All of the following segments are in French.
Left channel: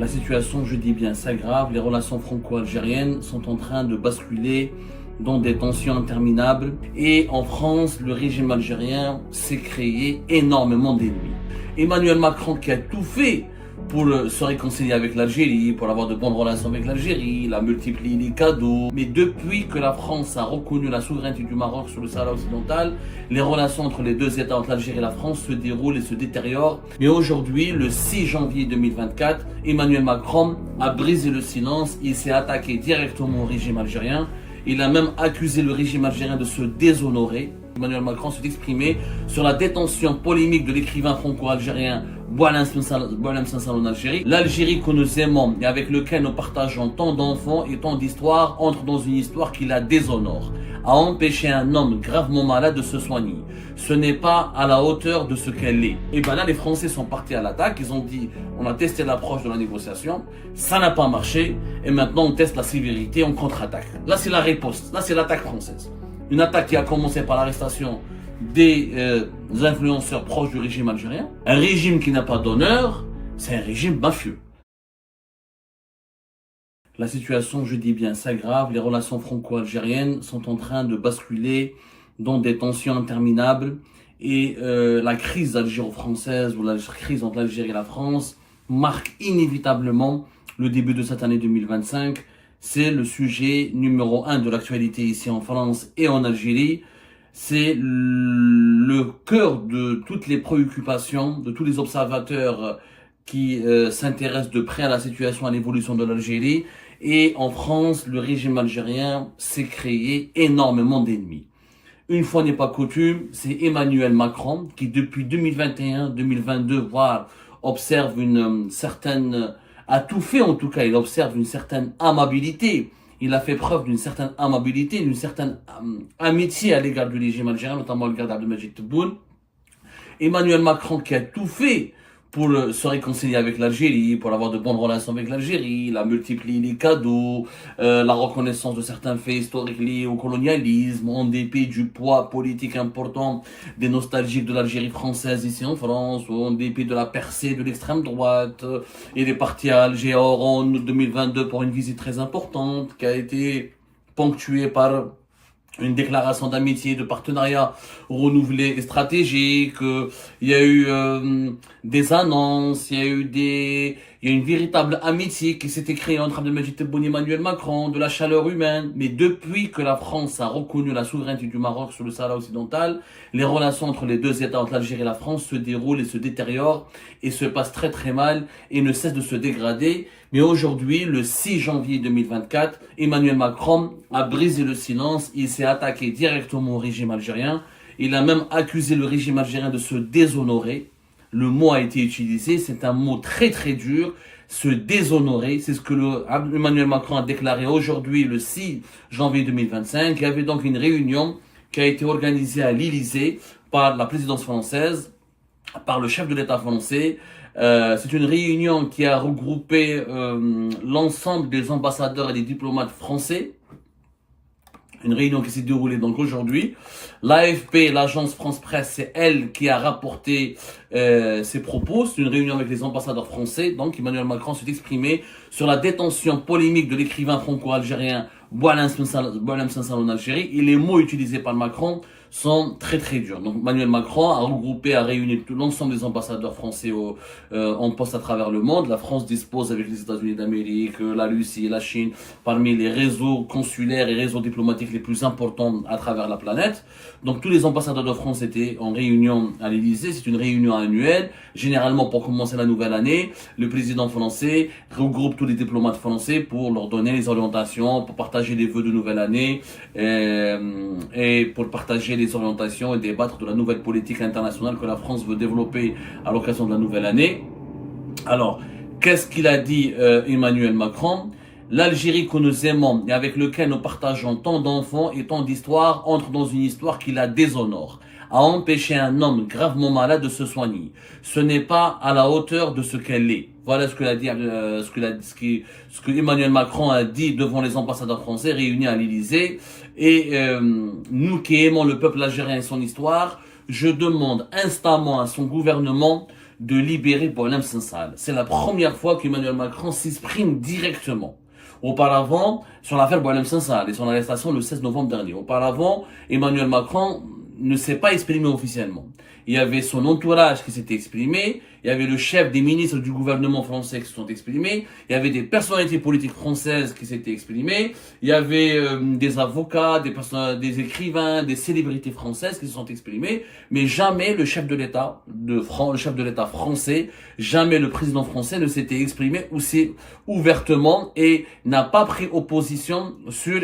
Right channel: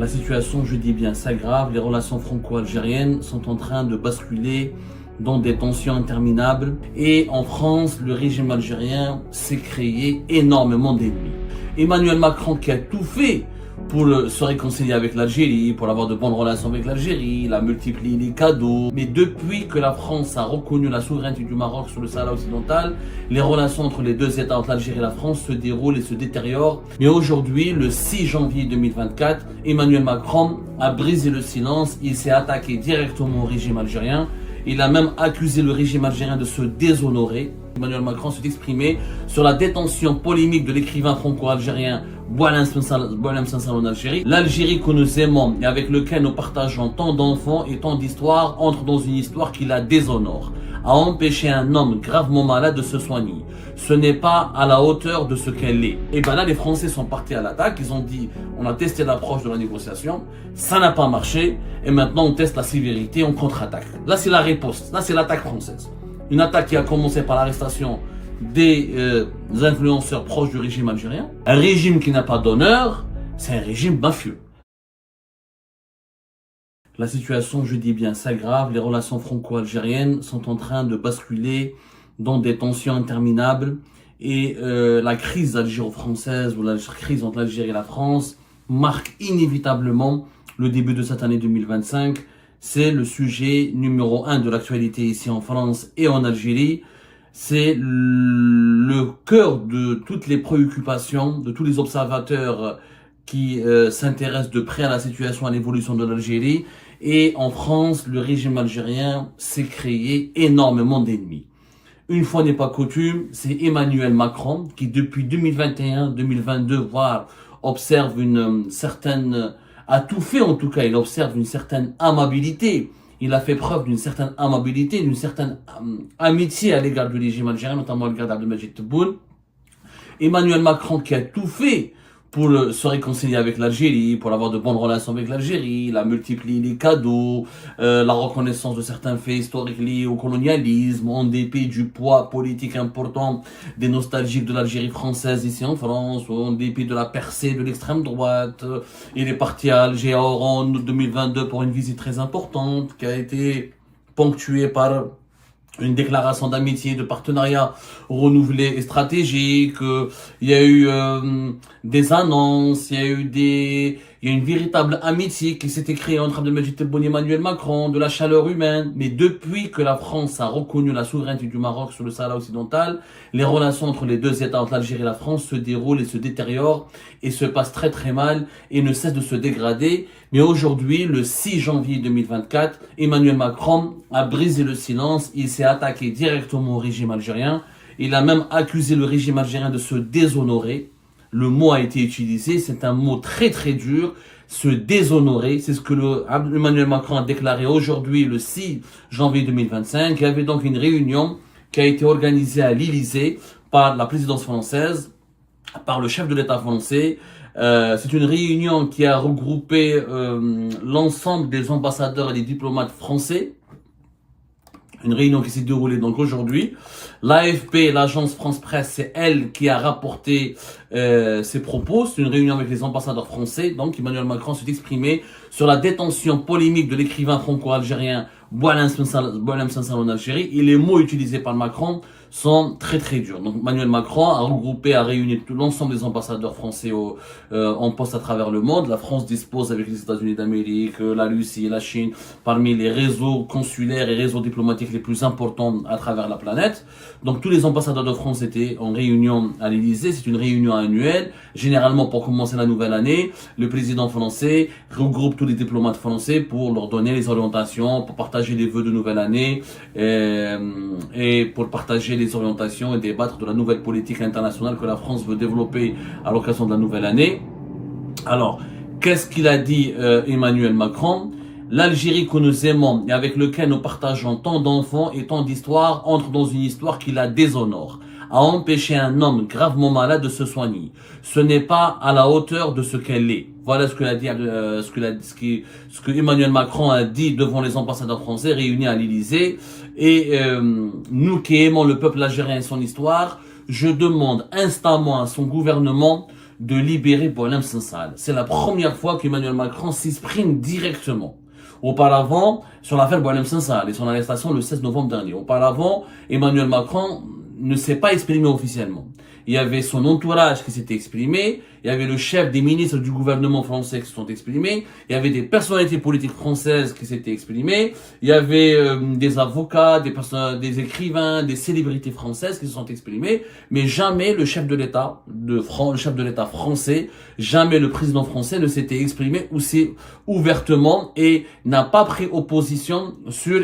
La situation, je dis bien, s'aggrave. Les relations franco-algériennes sont en train de basculer dans des tensions interminables. Et en France, le régime algérien s'est créé énormément d'ennemis. Emmanuel Macron qui a tout fait pour se réconcilier avec l'Algérie, pour avoir de bonnes relations avec l'Algérie, il a multiplié les cadeaux. Mais depuis que la France a reconnu la souveraineté du Maroc sur le Sahara occidental, les relations entre les deux États, entre l'Algérie et la France, se déroulent et se détériorent. Mais aujourd'hui, le 6 janvier 2024, Emmanuel Macron a brisé le silence, il s'est attaqué directement au régime algérien. Il a même accusé le régime algérien de se déshonorer. Emmanuel Macron s'est exprimé sur la détention polémique de l'écrivain franco-algérien Boualem Sansal en Algérie. L'Algérie que nous aimons et avec laquelle nous partageons tant d'enfants et tant d'histoires entre dans une histoire qui la déshonore. A empêché un homme gravement malade de se soigner. Ce n'est pas à la hauteur de ce qu'elle est. Et bien là, les Français sont partis à l'attaque. Ils ont dit, on a testé l'approche de la négociation, ça n'a pas marché, et maintenant on teste la sévérité, on contre-attaque. Là, c'est la riposte. Là, c'est l'attaque française. Une attaque qui a commencé par l'arrestation des influenceurs proches du régime algérien. Un régime qui n'a pas d'honneur, c'est un régime mafieux. La situation, je dis bien, s'aggrave. Les relations franco-algériennes sont en train de basculer dans des tensions interminables. Et la crise algéro-française ou la crise entre l'Algérie et la France marque inévitablement le début de cette année 2025. C'est le sujet numéro 1 de l'actualité ici en France et en Algérie. C'est le cœur de toutes les préoccupations, de tous les observateurs qui s'intéressent de près à la situation, à l'évolution de l'Algérie. Et en France, le régime algérien s'est créé énormément d'ennemis. Une fois n'est pas coutume, c'est Emmanuel Macron qui depuis 2021-2022, voire observe une certaine, a tout fait en tout cas, il observe une certaine amabilité. Il a fait preuve d'une certaine amabilité, d'une certaine amitié à l'égard du régime algérien, notamment à l'égard d'Abdelmadjid Tebboune. Emmanuel Macron qui a tout fait pour se réconcilier avec l'Algérie, pour avoir de bonnes relations avec l'Algérie, il a multiplié les cadeaux, la reconnaissance de certains faits historiques liés au colonialisme, en dépit du poids politique important des nostalgiques de l'Algérie française ici en France, en dépit de la percée de l'extrême droite. Il est parti à Alger en août 2022 pour une visite très importante qui a été ponctuée par une déclaration d'amitié, de partenariat renouvelé et stratégique. Il y a eu des annonces, il y a une véritable amitié qui s'était créée entre Abdelmadjid Tebboune et Emmanuel Macron, de la chaleur humaine. Mais depuis que la France a reconnu la souveraineté du Maroc sur le Sahara occidental, les relations entre les deux États, entre l'Algérie et la France, se déroulent et se détériorent et se passent très très mal et ne cessent de se dégrader. Mais aujourd'hui, le 6 janvier 2024, Emmanuel Macron a brisé le silence. Il s'est attaqué directement au régime algérien. Il a même accusé le régime algérien de se déshonorer. Le mot a été utilisé, c'est un mot très très dur. Se déshonorer, c'est ce que Emmanuel Macron a déclaré aujourd'hui, le 6 janvier 2025. Il y avait donc une réunion qui a été organisée à l'Élysée par la présidence française, par le chef de l'État français. C'est une réunion qui a regroupé l'ensemble des ambassadeurs et des diplomates français. Une réunion qui s'est déroulée donc aujourd'hui. L'AFP, l'agence France Presse, c'est elle qui a rapporté ses propos. C'est une réunion avec les ambassadeurs français. Donc Emmanuel Macron s'est exprimé sur la détention polémique de l'écrivain franco-algérien Boualem Sansal en Algérie. Et les mots utilisés par Macron sont très très durs. Donc Emmanuel Macron a regroupé, a réuni tout l'ensemble des ambassadeurs français en poste à travers le monde. La France dispose avec les États-Unis d'Amérique, la Russie et la Chine parmi les réseaux consulaires et réseaux diplomatiques les plus importants à travers la planète. Donc tous les ambassadeurs de France étaient en réunion à l'Élysée. C'est une réunion annuelle. Généralement pour commencer la nouvelle année, le président français regroupe tous les diplomates français pour leur donner les orientations, pour partager les vœux de nouvelle année et pour partager les orientations et débattre de la nouvelle politique internationale que la France veut développer à l'occasion de la nouvelle année. Alors, qu'est-ce qu'il a dit Emmanuel Macron ? L'Algérie que nous aimons et avec laquelle nous partageons tant d'enfants et tant d'histoires entre dans une histoire qui la déshonore. A empêché un homme gravement malade de se soigner. Ce n'est pas à la hauteur de ce qu'elle est. Voilà ce que Emmanuel Macron a dit devant les ambassadeurs français réunis à l'Élysée. Et nous qui aimons le peuple algérien et son histoire, je demande instamment à son gouvernement de libérer Boualem Sansal. C'est la première fois qu'Emmanuel Macron s'exprime directement. Auparavant, sur l'affaire Boualem Sansal et son arrestation le 16 novembre dernier. Auparavant, Emmanuel Macron ne s'est pas exprimé officiellement. Il y avait son entourage qui s'était exprimé, il y avait le chef des ministres du gouvernement français qui se sont exprimés, il y avait des personnalités politiques françaises qui s'étaient exprimées, il y avait des avocats, des écrivains, des célébrités françaises qui se sont exprimées, mais jamais le chef de l'État français, jamais le président français ne s'était exprimé aussi ouvertement et n'a pas pris opposition sur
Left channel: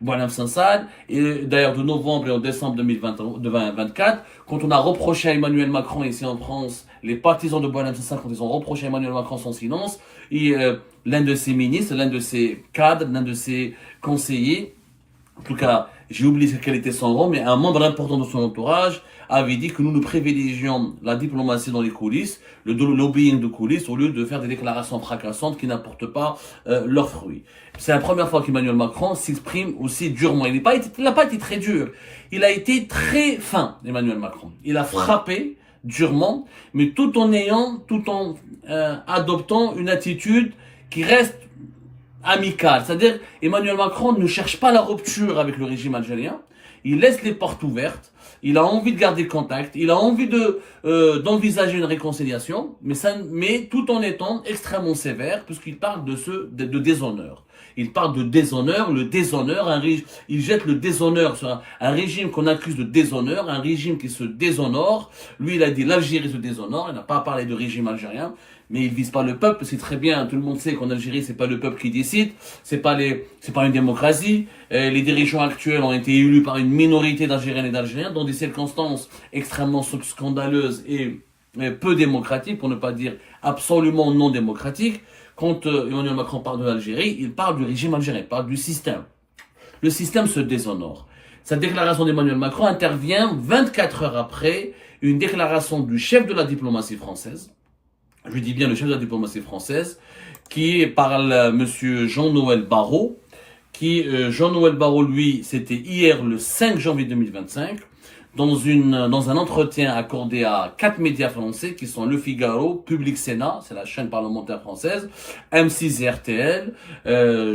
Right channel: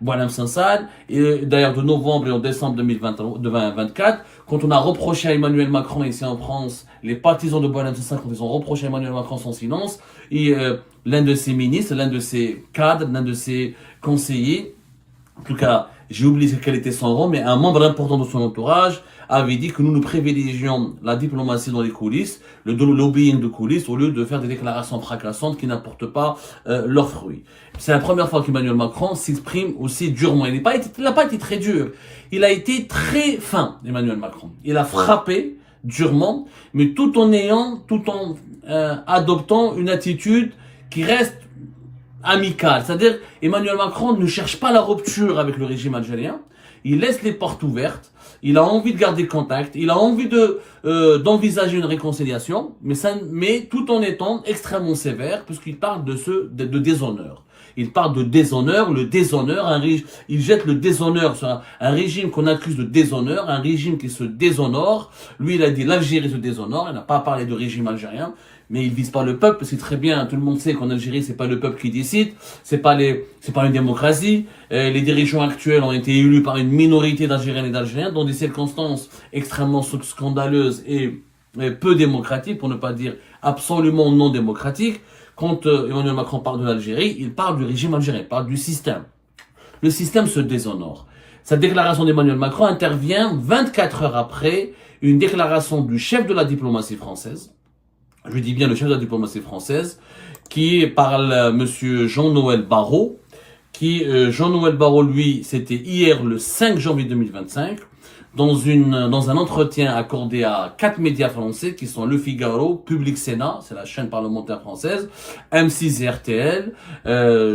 Boualem Sansal. Et d'ailleurs, de novembre et en décembre 2024, quand on a reproché à Emmanuel Macron ici en France, les partisans de Boualem Sansal, quand ils ont reproché à Emmanuel Macron son silence, et l'un de ses ministres, l'un de ses cadres, l'un de ses conseillers, en tout cas, j'ai oublié quel était son rang, mais un membre important de son entourage avait dit que nous privilégions la diplomatie dans les coulisses, le lobbying de coulisses, au lieu de faire des déclarations fracassantes qui n'apportent pas leurs fruits. C'est la première fois qu'Emmanuel Macron s'exprime aussi durement. Il n'a pas été très dur. Il a été très fin, Emmanuel Macron. Il a frappé durement, mais tout en adoptant une attitude qui reste amicale. C'est-à-dire, Emmanuel Macron ne cherche pas la rupture avec le régime algérien. Il laisse les portes ouvertes. Il a envie de garder contact. Il a envie d'envisager une réconciliation, mais tout en étant extrêmement sévère, puisqu'il parle de déshonneur. Il parle de déshonneur, il jette le déshonneur sur un régime qu'on accuse de déshonneur, un régime qui se déshonore. Lui, il a dit l'Algérie se déshonore, il n'a pas parlé de régime algérien, mais il vise pas le peuple, c'est très bien, tout le monde sait qu'en Algérie, c'est pas le peuple qui décide, c'est pas une démocratie. Les dirigeants actuels ont été élus par une minorité d'Algériennes et d'Algériens dans des circonstances extrêmement scandaleuses et peu démocratiques, pour ne pas dire absolument non démocratiques. Quand Emmanuel Macron parle de l'Algérie, il parle du régime algérien, il parle du système. Le système se déshonore. Cette déclaration d'Emmanuel Macron intervient 24 heures après une déclaration du chef de la diplomatie française, je dis bien le chef de la diplomatie française, qui parle monsieur Jean-Noël Barrot, Jean-Noël Barrot, lui, c'était hier le 5 janvier 2025, dans un entretien accordé à 4 médias français qui sont Le Figaro, Public Sénat, c'est la chaîne parlementaire française, M6 et RTL,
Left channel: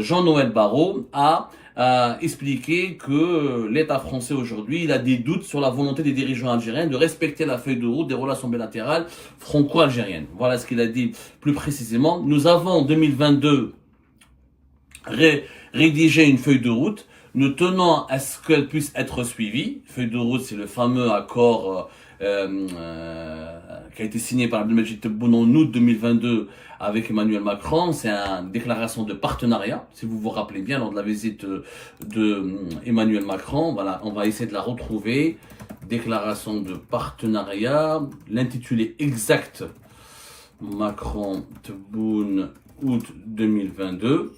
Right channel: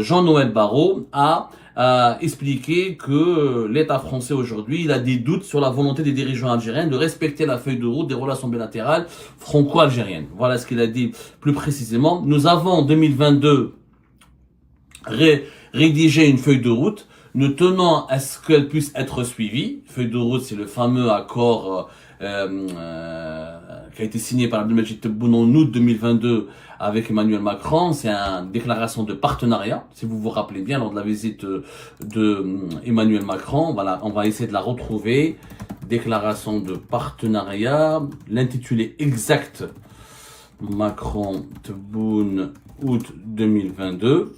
Jean-Noël Barrot a expliqué que l'État français aujourd'hui, il a des doutes sur la volonté des dirigeants algériens de respecter la feuille de route des relations bilatérales franco-algériennes. Voilà ce qu'il a dit plus précisément. Nous avons en 2022 rédigé une feuille de route. Nous tenons à ce qu'elle puisse être suivie. Feuille de route, c'est le fameux accord qui a été signé par Abdelmajid Tebboune en août 2022 avec Emmanuel Macron. C'est une déclaration de partenariat, si vous vous rappelez bien, lors de la visite de Emmanuel Macron. Voilà, on va essayer de la retrouver. Déclaration de partenariat, l'intitulé exact, Macron-Tebboune, août 2022.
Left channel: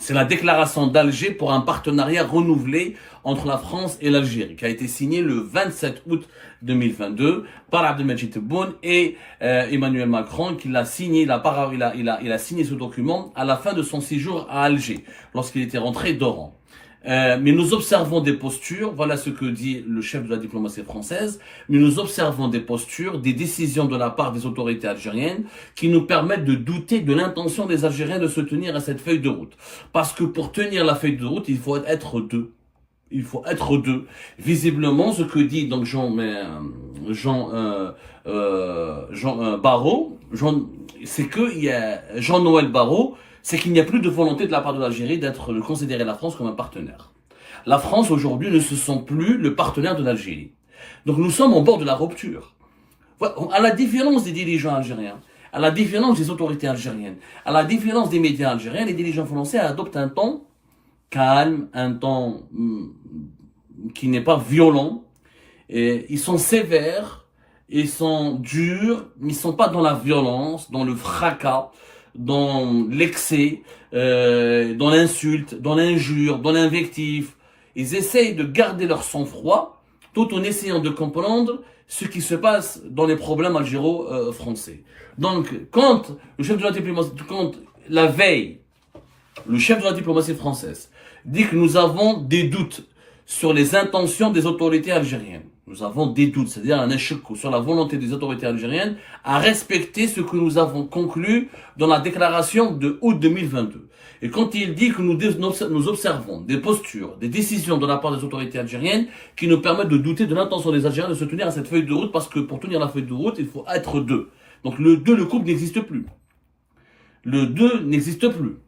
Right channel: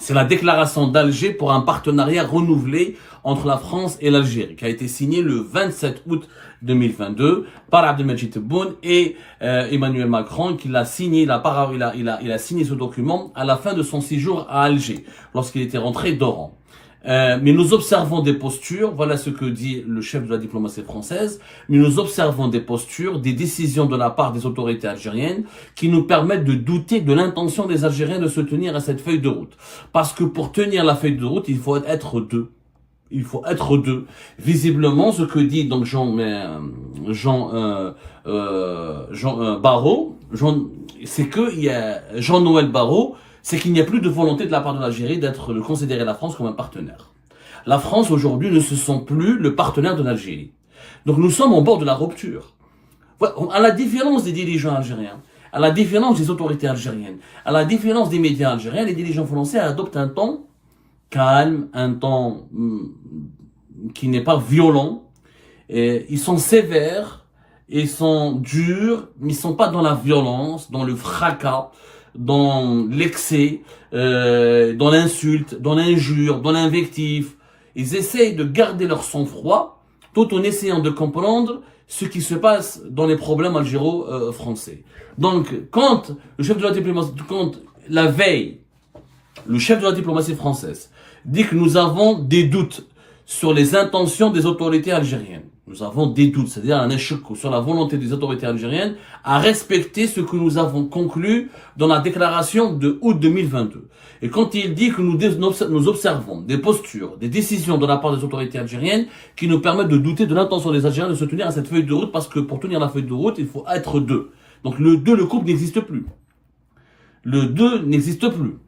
C'est la déclaration d'Alger pour un partenariat renouvelé entre la France et l'Algérie, qui a été signée le 27 août 2022 par Abdelmajid Tebboune et Emmanuel Macron, qui l'a signé. Il a signé ce document à la fin de son séjour à Alger, lorsqu'il était rentré d'Oran. Mais nous observons des postures, voilà ce que dit le chef de la diplomatie française, mais nous observons des postures, des décisions de la part des autorités algériennes qui nous permettent de douter de l'intention des Algériens de se tenir à cette feuille de route. Parce que pour tenir la feuille de route, il faut être deux. Il faut être deux. Visiblement, ce que dit donc Barrot, c'est que Jean-Noël Barrot, c'est qu'il n'y a plus de volonté de la part de l'Algérie de considérer la France comme un partenaire. La France, aujourd'hui, ne se sent plus le partenaire de l'Algérie. Donc nous sommes au bord de la rupture. À la différence des dirigeants algériens, à la différence des autorités algériennes, à la différence des médias algériens, les dirigeants français adoptent un ton calme, un ton qui n'est pas violent. Et ils sont sévères, ils sont durs, mais ils ne sont pas dans la violence, dans le fracas, dans l'excès, dans l'insulte, dans l'injure, dans l'invective. Ils essayent de garder leur sang-froid tout en essayant de comprendre ce qui se passe dans les problèmes algéro-français. Donc, quand la veille, le chef de la diplomatie française dit que nous avons des doutes sur les intentions des autorités algériennes, Nous avons des doutes, c'est-à-dire un échec sur la volonté des autorités algériennes à respecter ce que nous avons conclu dans la déclaration de août 2022. Et quand il dit que nous observons des postures, des décisions de la part des autorités algériennes qui nous permettent de douter de l'intention des Algériens de se tenir à cette feuille de route, parce que pour tenir la feuille de route, il faut être deux. Donc le couple n'existe plus. Le 2 n'existe plus.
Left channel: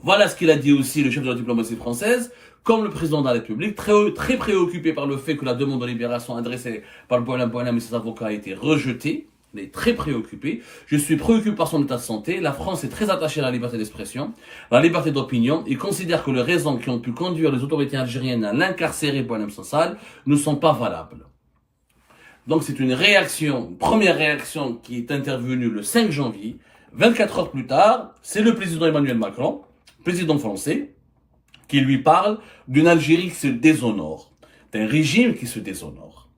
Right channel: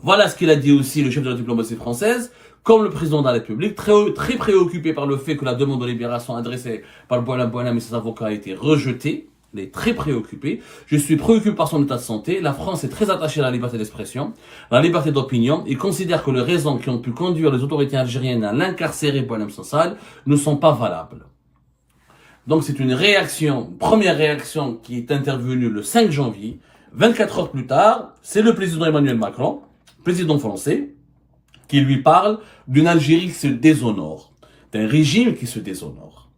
Voilà ce qu'il a dit aussi le chef de la diplomatie française, comme le président de la République, très préoccupé par le fait que la demande de libération adressée par Boualem et ses avocats a été rejetée. Il est très préoccupé. Je suis préoccupé par son état de santé. La France est très attachée à la liberté d'expression, à la liberté d'opinion. Il considère que les raisons qui ont pu conduire les autorités algériennes à l'incarcérer Boualem Sansal ne sont pas valables. Donc c'est une première réaction qui est intervenue le 5 janvier. 24 heures plus tard, c'est le président Emmanuel Macron, président français, qui lui parle d'une Algérie qui se déshonore, d'un régime qui se déshonore.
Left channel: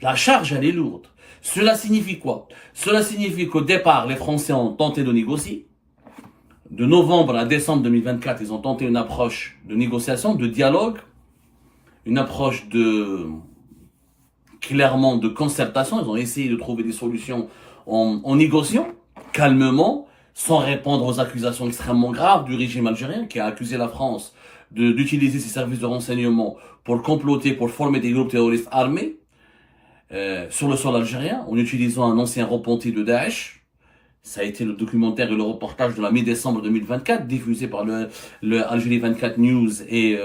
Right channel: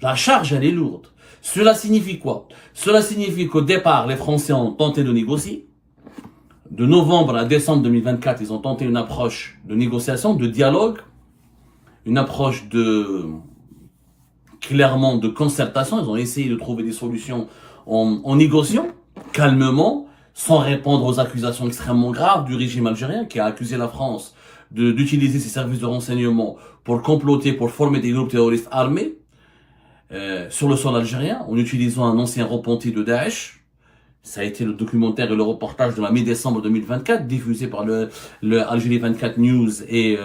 La charge, elle est lourde. Cela signifie quoi? Cela signifie qu'au départ, les Français ont tenté de négocier. De novembre à décembre 2024, ils ont tenté une approche de négociation, de dialogue, une approche clairement de concertation. Ils ont essayé de trouver des solutions en négociant, calmement, sans répondre aux accusations extrêmement graves du régime algérien qui a accusé la France d'utiliser ses services de renseignement pour comploter, pour former des groupes terroristes armés sur le sol algérien, en utilisant un ancien repenti de Daesh. Ça a été le documentaire et le reportage de la mi-décembre 2024, diffusé par le Algérie 24 News et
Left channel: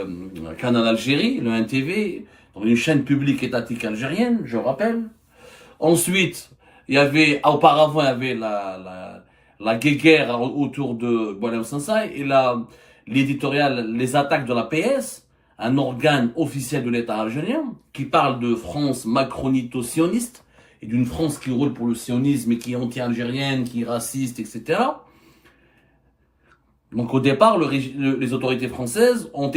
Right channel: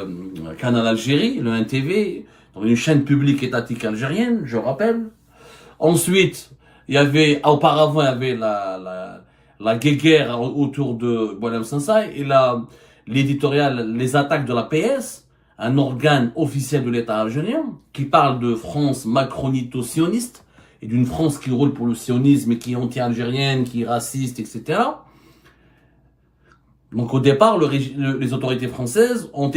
Canal Algérie, le 1TV, dans une chaîne publique étatique algérienne, je rappelle. Ensuite, auparavant, il y avait la guéguerre autour de Boualem Sansal et l'éditorial, les attaques de la PS, un organe officiel de l'État algérien, qui parle de France macronito-sioniste, et d'une France qui roule pour le sionisme et qui est anti-algérienne, qui est raciste, etc. Donc au départ, les autorités françaises ont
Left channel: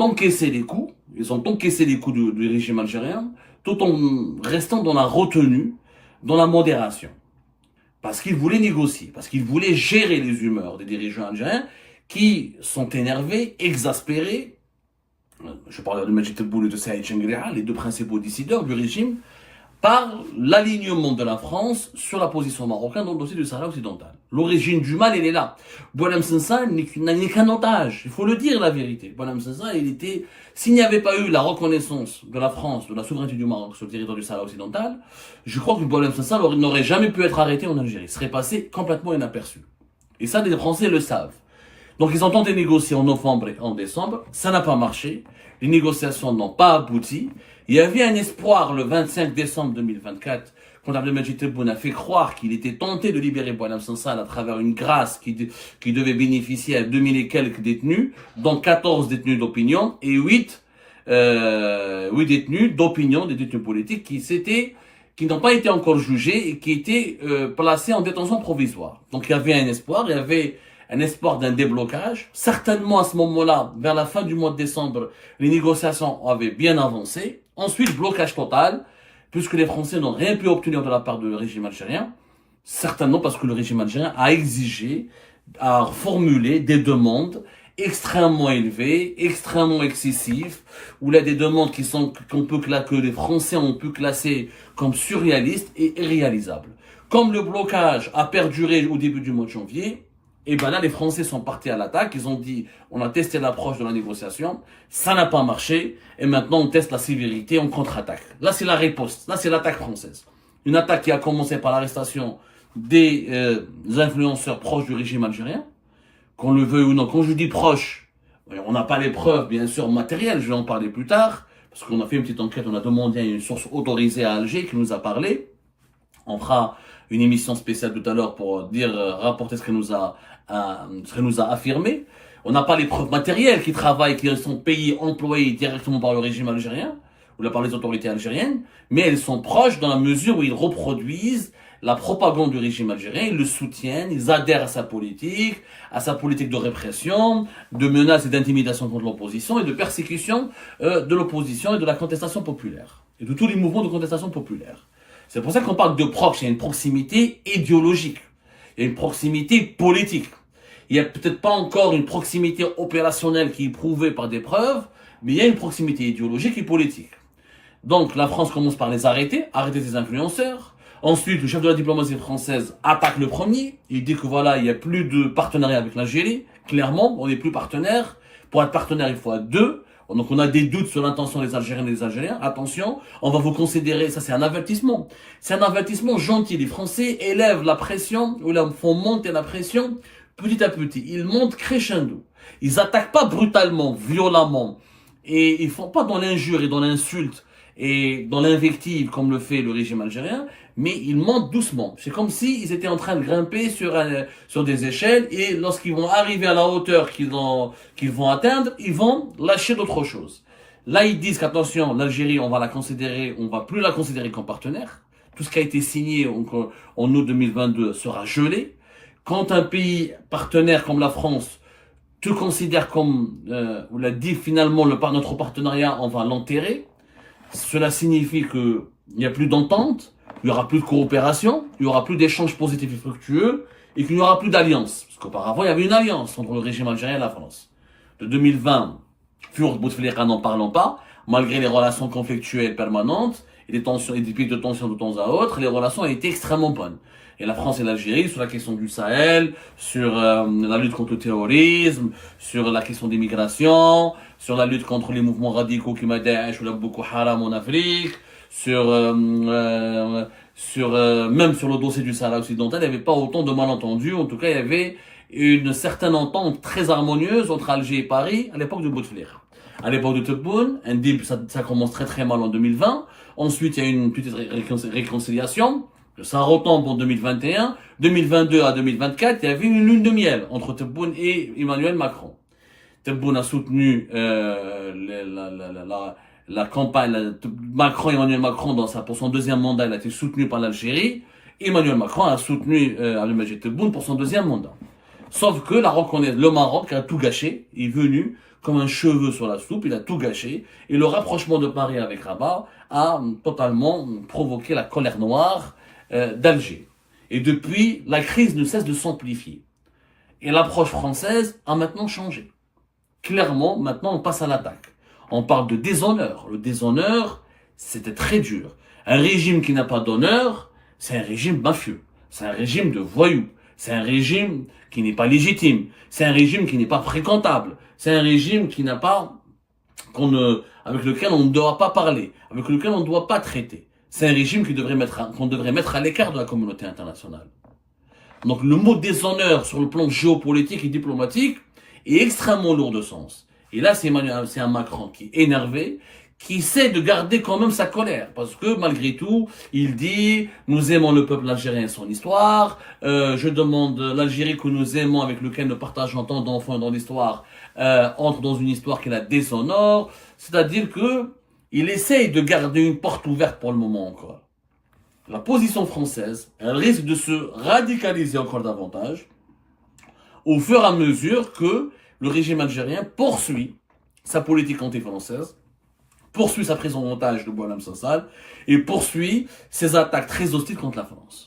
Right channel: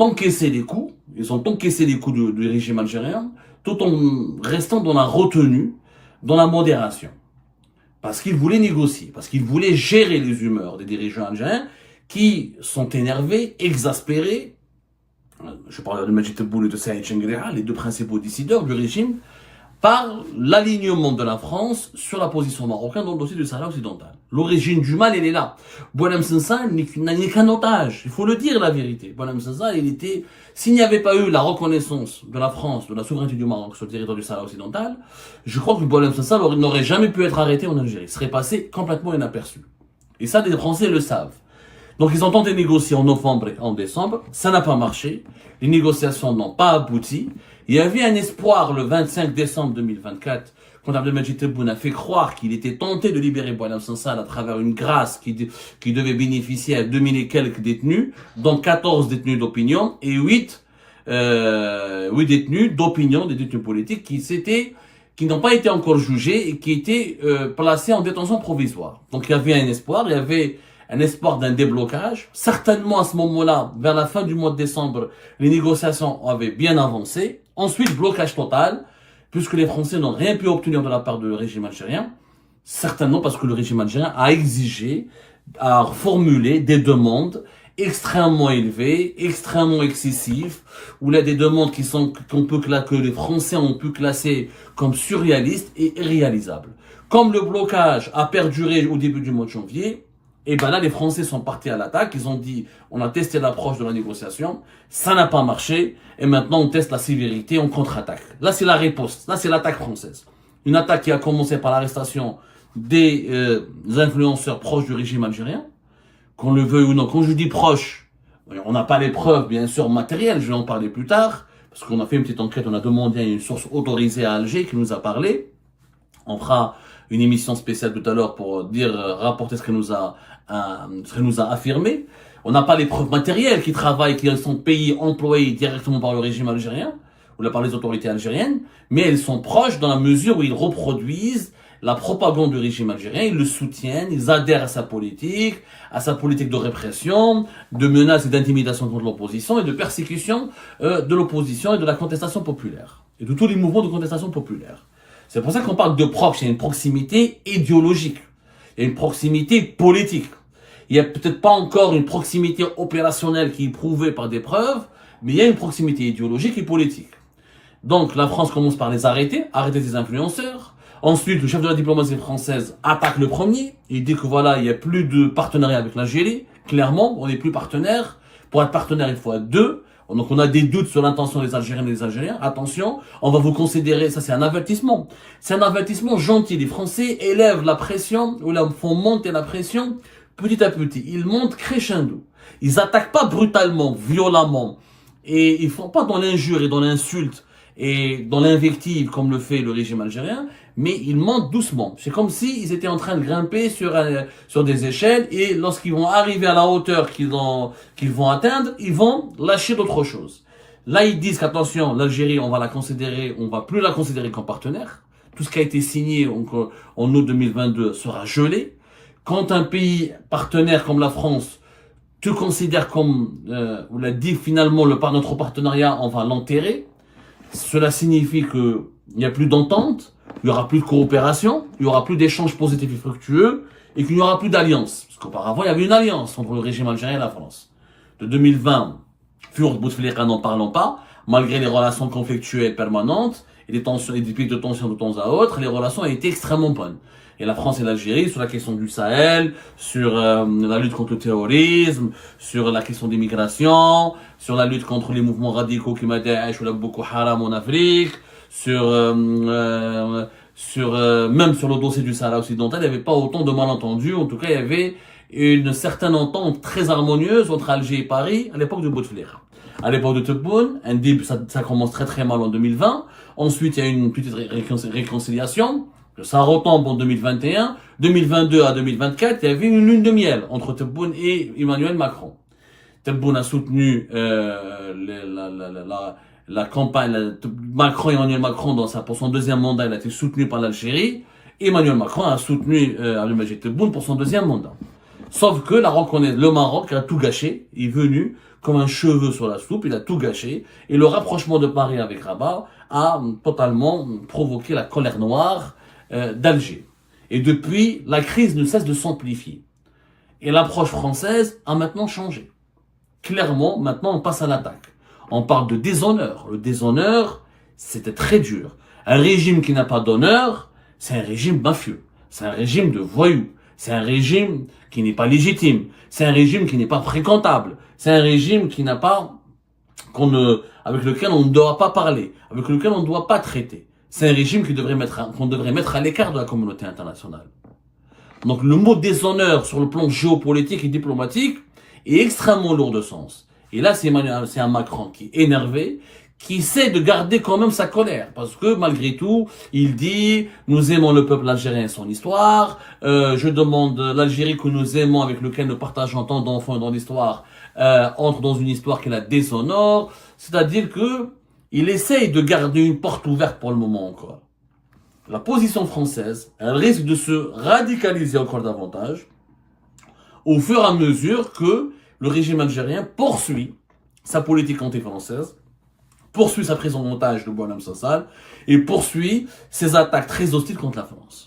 encaissé les coups, ils ont encaissé les coups du régime algérien, tout en restant dans la retenue, dans la modération. Parce qu'ils voulaient négocier, parce qu'ils voulaient gérer les humeurs des dirigeants algériens qui sont énervés, exaspérés. Je parle de Majid Tebboune et de Saïd Chengrihal, les deux principaux décideurs du régime, par l'alignement de la France sur la position marocaine dans le dossier du Sahara occidental. L'origine du mal, elle est là. Boualem Sansal n'est qu'un otage. Il faut le dire, la vérité. Boualem Sansal, s'il n'y avait pas eu la reconnaissance de la France, de la souveraineté du Maroc sur le territoire du Sahara occidental, je crois que Boualem Sansal n'aurait jamais pu être arrêté en Algérie. Il serait passé complètement inaperçu. Et ça, les Français le savent. Donc, ils ont tenté de négocier en novembre et en décembre. Ça n'a pas marché. Les négociations n'ont pas abouti. Il y avait un espoir le 25 décembre 2024, quand Abdelmadjid Tebboune a fait croire qu'il était tenté de libérer Boualem Sansal à travers une grâce qui devait bénéficier à 2000 et quelques détenus, dont 14 détenus d'opinion et 8 détenus d'opinion, des détenus politiques qui n'ont pas été encore jugés et qui étaient placés en détention provisoire. Donc il y avait un espoir d'un déblocage. Certainement à ce moment-là, vers la fin du mois de décembre, les négociations avaient bien avancé. Ensuite, blocage total, puisque les Français n'ont rien pu obtenir de la part du régime algérien. Certainement parce que le régime algérien a formulé des demandes extrêmement élevées, extrêmement excessives, où il y a des demandes que les Français ont pu classer comme surréalistes et irréalisables. Comme le blocage a perduré au début du mois de janvier, et ben là, les Français sont partis à l'attaque. Ils ont dit, on a testé l'approche de la négociation, ça n'a pas marché, et maintenant on teste la sévérité, on contre-attaque. Là, c'est la riposte, là, c'est l'attaque française. Une attaque qui a commencé par l'arrestation des influenceurs proches du régime algérien, qu'on le veuille ou non. Quand je dis proches, on n'a pas les preuves, bien sûr, matérielles, je vais en parler plus tard, parce qu'on a fait une petite enquête, on a demandé à une source autorisée à Alger qui nous a parlé. On fera une émission spéciale tout à l'heure pour rapporter ce qu'elle nous a affirmé. On n'a pas les preuves matérielles qui travaillent, qui sont payées, employées directement par le régime algérien ou par les autorités algériennes, mais elles sont proches dans la mesure où ils reproduisent la propagande du régime algérien, ils le soutiennent, ils adhèrent à sa politique de répression, de menaces et d'intimidation contre l'opposition et de persécution de l'opposition et de la contestation populaire et de tous les mouvements de contestation populaire. C'est pour ça qu'on parle de proche, il y a une proximité idéologique. Il y a une proximité politique. Il n'y a peut-être pas encore une proximité opérationnelle qui est prouvée par des preuves, mais il y a une proximité idéologique et politique. Donc la France commence par les arrêter ses influenceurs. Ensuite, le chef de la diplomatie française attaque le premier. Il dit que voilà, il n'y a plus de partenariat avec l'Algérie. Clairement, on n'est plus partenaire. Pour être partenaire, il faut être deux. Donc on a des doutes sur l'intention des Algériennes et des Algériens. Attention, on va vous considérer, ça c'est un avertissement. C'est un avertissement gentil. Les Français élèvent la pression, ou là, font monter la pression petit à petit. Ils montent crescendo. Ils attaquent pas brutalement, violemment. Et ils font pas dans l'injure et dans l'insulte et dans l'invective comme le fait le régime algérien, mais ils montent doucement. C'est comme s'ils étaient en train de grimper sur des échelles et lorsqu'ils vont arriver à la hauteur qu'ils vont atteindre, ils vont lâcher d'autres choses. Là, ils disent qu'attention, l'Algérie, on va plus la considérer comme partenaire. Tout ce qui a été signé en août 2022 sera gelé. Quand un pays partenaire comme la France te considère comme, on l'a dit finalement, notre partenariat, on va l'enterrer. Cela signifie qu'il n'y a plus d'entente, il n'y aura plus de coopération, il n'y aura plus d'échanges positifs et fructueux, et qu'il n'y aura plus d'alliance. Parce qu'auparavant, il y avait une alliance entre le régime algérien et la France. De 2020, Fur Bouteflika n'en parlons pas, malgré les relations conflictuelles permanentes, et des tensions, et des pics de tension de temps à autre, les relations ont été extrêmement bonnes. Et la France et l'Algérie, sur la question du Sahel, sur la lutte contre le terrorisme, sur la question des migrations, sur la lutte contre les mouvements radicaux qui Daesh ou la Boko Haram en Afrique, même sur le dossier du Sahara occidental, il n'y avait pas autant de malentendus. En tout cas, il y avait une certaine entente très harmonieuse entre Alger et Paris à l'époque de Bouteflika. À l'époque de Tebboune, ça commence très très mal en 2020. Ensuite, il y a une petite réconciliation. Ça retombe en 2021. 2022 à 2024, il y avait une lune de miel entre Tebboune et Emmanuel Macron. Tebboune a soutenu la campagne. Emmanuel Macron, pour son deuxième mandat, il a été soutenu par l'Algérie. Emmanuel Macron a soutenu Abdelmadjid Tebboune pour son deuxième mandat. Sauf que le Maroc a tout gâché. Il est venu comme un cheveu sur la soupe. Il a tout gâché. Et le rapprochement de Paris avec Rabat a totalement provoqué la colère noire d'Alger. Et depuis, la crise ne cesse de s'amplifier. Et l'approche française a maintenant changé. Clairement, maintenant, on passe à l'attaque. On parle de déshonneur. Le déshonneur, c'était très dur. Un régime qui n'a pas d'honneur, c'est un régime mafieux. C'est un régime de voyous. C'est un régime qui n'est pas légitime. C'est un régime qui n'est pas fréquentable. C'est un régime qui n'a pas, avec lequel on ne doit pas parler, avec lequel on ne doit pas traiter. C'est un régime qu'on devrait mettre à l'écart de la communauté internationale. Donc le mot déshonneur sur le plan géopolitique et diplomatique est extrêmement lourd de sens. Et là, c'est un Macron qui est énervé, qui essaie de garder quand même sa colère. Parce que malgré tout, il dit, nous aimons le peuple algérien et son histoire. Je demande l'Algérie que nous aimons, avec lequel nous partageons tant d'enfants dans l'histoire, entre dans une histoire qui la déshonore. C'est-à-dire que il essaye de garder une porte ouverte pour le moment encore. La position française, elle risque de se radicaliser encore davantage au fur et à mesure que le régime algérien poursuit sa politique anti-française, poursuit sa prise en otage de Boualem Sansal et poursuit ses attaques très hostiles contre la France.